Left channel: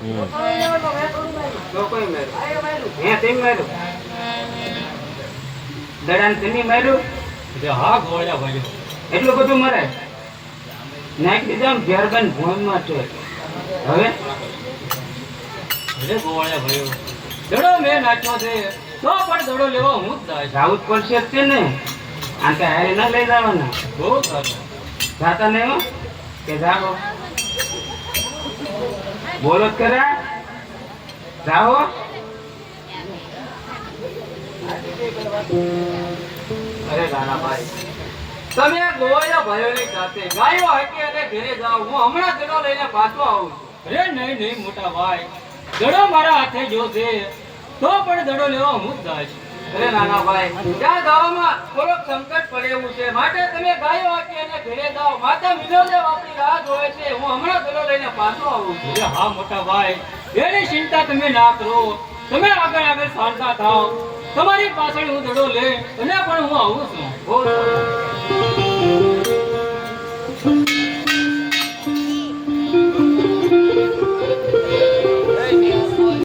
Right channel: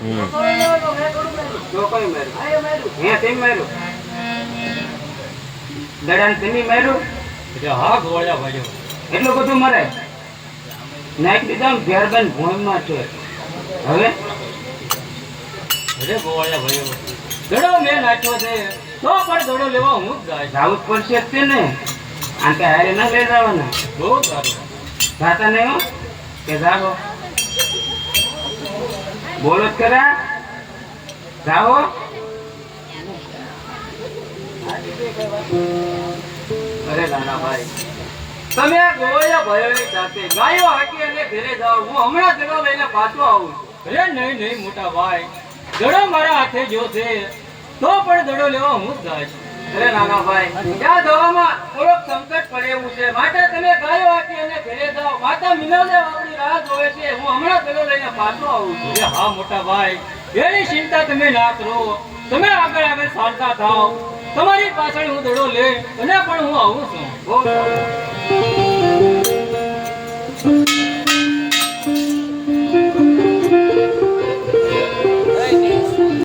જો કોઈ માર્યું હે તેમ માર્યું દડાને તેમી માર્યું હા ગોળ્યા ભાઈ એટલું બધું મરે નાખ દીધા ને ઘેરબેન ભૂમિમાં છે હવે અરે ગોળ્યા ભાઈ દડો મેં નાખ્યો છે તો પણ દડો લેવા હું જ જાય જાવું જ પડશે જ છે ને આ કે હારે ના લઈ જવાના બહુ સારું જાતા નહીં હો કે જાઓ બોલો જ કરા જાઓ અરે નાના ભાઈ તમે આ ગોવાળિયા ભાઈઓની સાથે ગાયો હાકી અને ઘરે જાઓ હું હમણાં દડો લઈને પાછો આવું અરે નહીં નહીં મોટા ભાઈ દડો મારા હાથે જો છે તો પણ દડો લેવા હું જ જાય અરે નાના ભાઈ ત્યાં જવામાં થોડોક સંકટ પડે એવું છે માટે તમે ગાયો હાકી અને ઘરે જાઓ માતા મિનવદેવ આપણી રાહ જોવે છે હું હમણાં દડો લઈને પાછો આવું છું અરે હા મોટા ભાઈ એની ચિંતા તમે ના કરો તમે આગળ આગળ ચાલતા થાઓ તમારી પાછળ હું દડો લઈ અને પણ હું આવું છું બહુ